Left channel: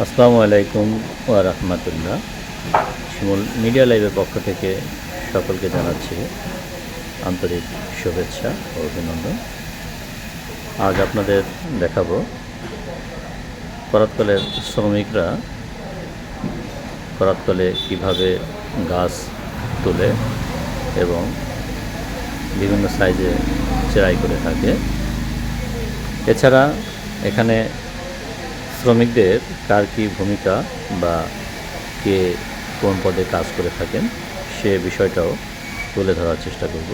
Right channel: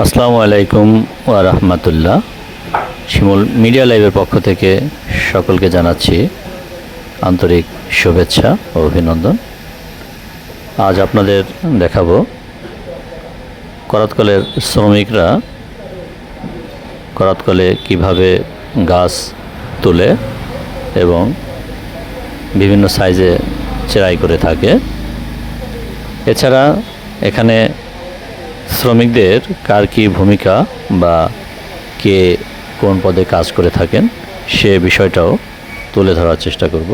আসসালামু আলাইকুম ওয়া রাহমাতুল্লাহ। শিমুল মিডিয়া লাইভের পক্ষ থেকে সকলকে জানাচ্ছি আন্তরিক শুভেচ্ছা ও অভিনন্দন। আজ আপনাদের দেখাবো করাতকলের শ্রমিকরা করাতকলে কীভাবে গাছ তোলে এবং বিভিন্ন সাইজে চেরাই করে থাকে। এছাড়া এখানে শ্রমিকদের কার কী ভূমিকা বা কে কোন পদে কাজ করে থাকেন, সে বিষয়টাও তুলে ধরার চেষ্টা করব।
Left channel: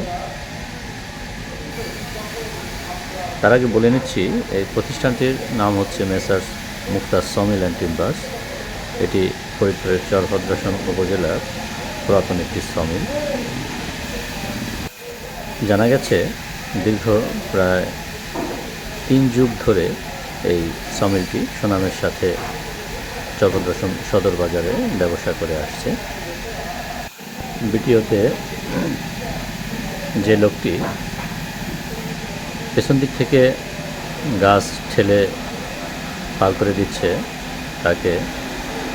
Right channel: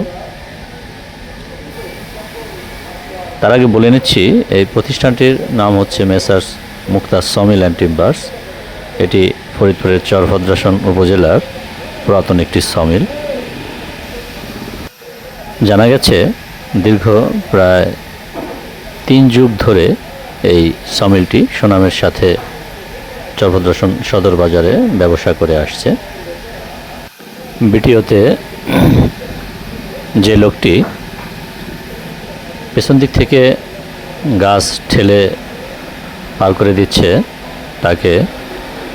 তার আগে বলে নিচ্ছি, এই প্রতিষ্ঠানটির নাম হচ্ছে messrs Muktar sawmill and timbers. এটি ফরিদপুরের চরভদ্রাসন উপজেলার পুরাতন একটি সমিল। জানা গেছে, দীর্ঘ প্রায় তিন যুগ ধরে এই সামিলটি সুনামের সাথে চরভদ্রাসন সদর বাজারে ব্যবসা করে আসছে। ভিডিওতে যে লোকটি পেছন দিক থেকে গাছ ঠেলে পার করে দিচ্ছে, তাকে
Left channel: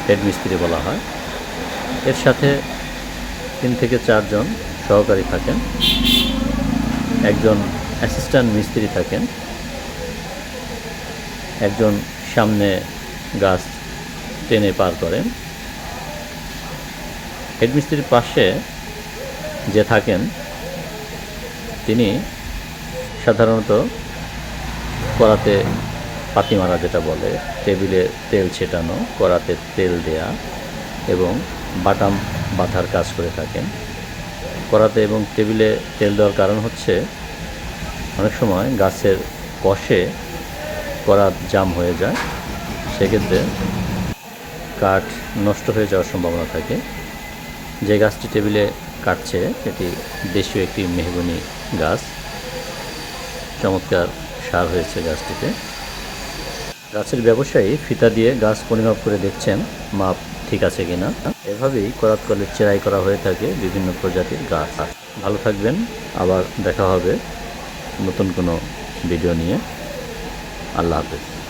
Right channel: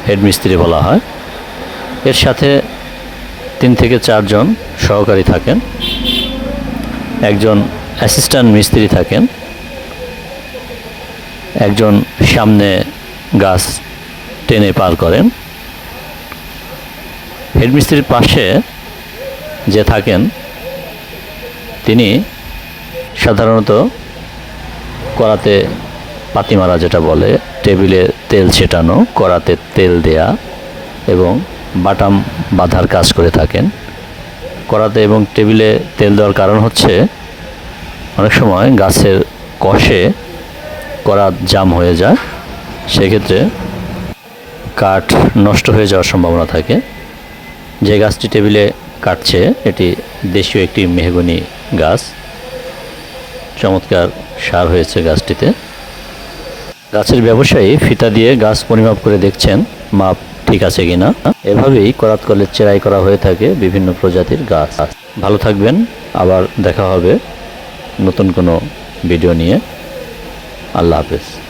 হেডমিস্ত্রি বলা হয়। এর সাথে তিন থেকে চারজন সহকারী থাকেন। একজন অ্যাসিস্ট্যান্ট মিস্ত্রি থাকেন। একজন সামনে গাছ টেনে পার করেন। হেডমিস্ত্রির পাশে যে থাকেন, তিনি সাধারণত করাতে পাতি মারা যেটা বলে, টেবিলে তেল ছেটানো করাতে তেল দেয়া এবং বাটাম বাঁধার কাজ করে থাকেন। করাতে এবং টেবিলে তেল দেওয়ার কারণ হচ্ছে, অনেক সময় গাছের কষে করাত জাম হয়ে যায়, সেক্ষেত্রে কাঠ নষ্ট হয়ে যাওয়ার সম্ভাবনা থাকে। যে গাছটি টেবিলে কাটছে, এটি দেশীয় একটি মেহগনি গাছ। চমৎকার সার হয়েছে গাছটিতে। গাছের ব্যবসায়ী ফিতা দিয়ে গাছ পরিমাপ করে দেখছেন, মাপ ঠিক আছে কিনা। এভাবেই করাত কলের চেরাই করা হয়ে থাকে বিভিন্ন প্রজাতির গাছ। ভালো থাকবেন, আবার দেখা হবে নতুন কোনো ভিডিও নিয়ে। আল্লাহ হাফেজ।